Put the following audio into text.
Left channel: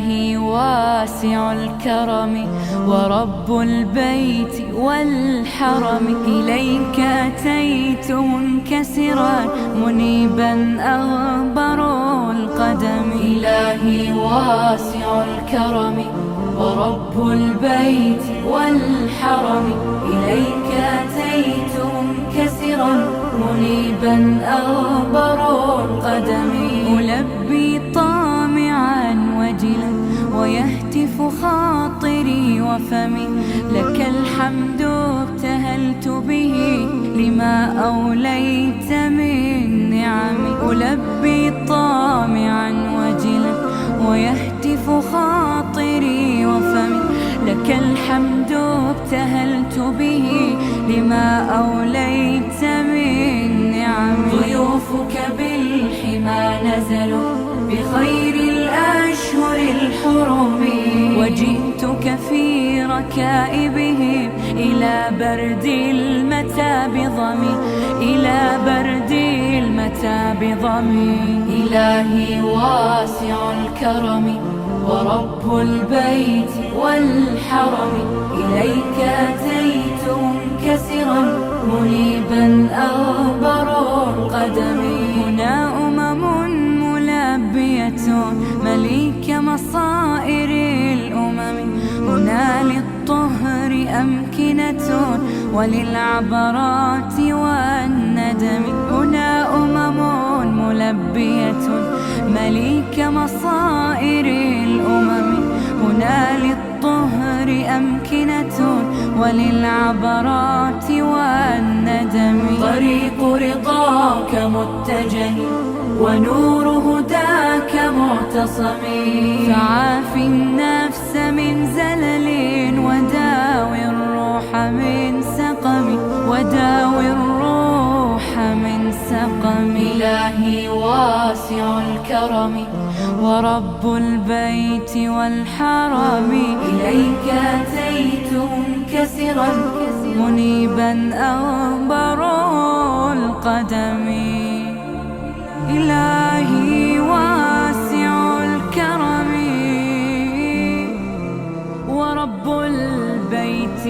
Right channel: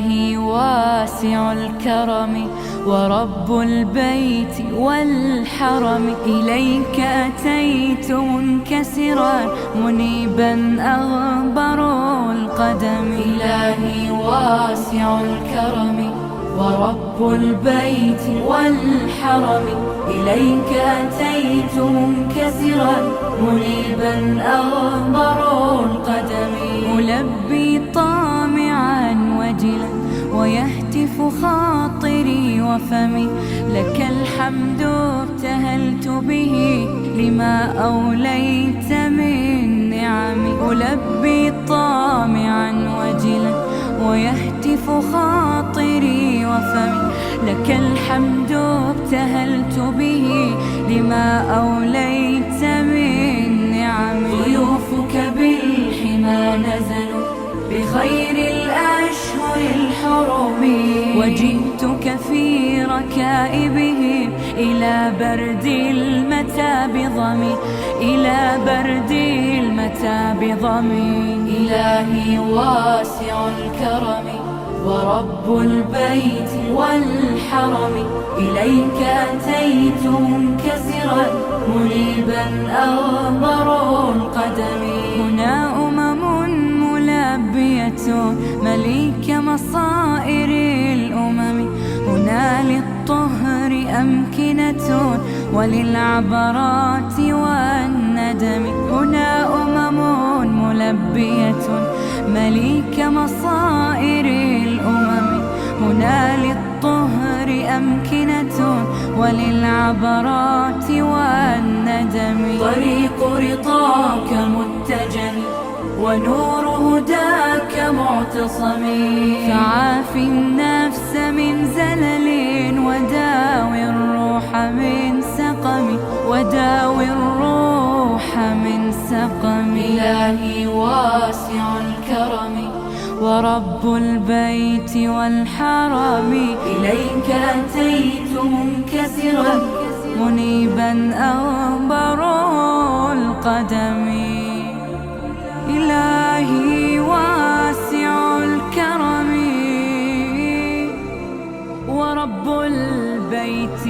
إلهي واسع الكرم ورب البيت والحرم، إليك أتيت منكسرا منيبا أغبر القدم. إلهي واسع الكرم ورب البيت والحرم، إليك أتيت منكسرا منيبا أغبر القدم. ألبي طامعا وجلا ويهتف خاطري وفمي، لك الحمد ابتهلت به لما أوليت من نعمي. ألبي طامعا وجلا ويهتف خاطري وفمي، لك الحمد ابتهلت به لما أوليت من نعمي. ضيوفك بالحمى نزلوا بخير الأشهر الحرم، وجئتك في ركائبهم إلى برد المتى بضمي، إلى برد المتى بضمي. إلهي واسع الكرم ورب البيت والحرم، إليك أتيت منكسرا منيبا أغبر القدم. هنا ملبية مليك مصائر الأمم، هنا للطهر أمكنة وللعبرات والندم. هنا ملبية مليك مصائر الأمم، هنا للطهر أمكنة وللعبرات والندم. طريق رضاك متجه ونور هداك معتصم، فعاف النفس من زلل وداوي الروح من سقم، وداوي الروح من سقم. إلهي واسع الكرم ورب البيت والحرم، إليك أتيت منكسرا منيبا أغبر القدم. إلهي واسع الكرم ورب البيت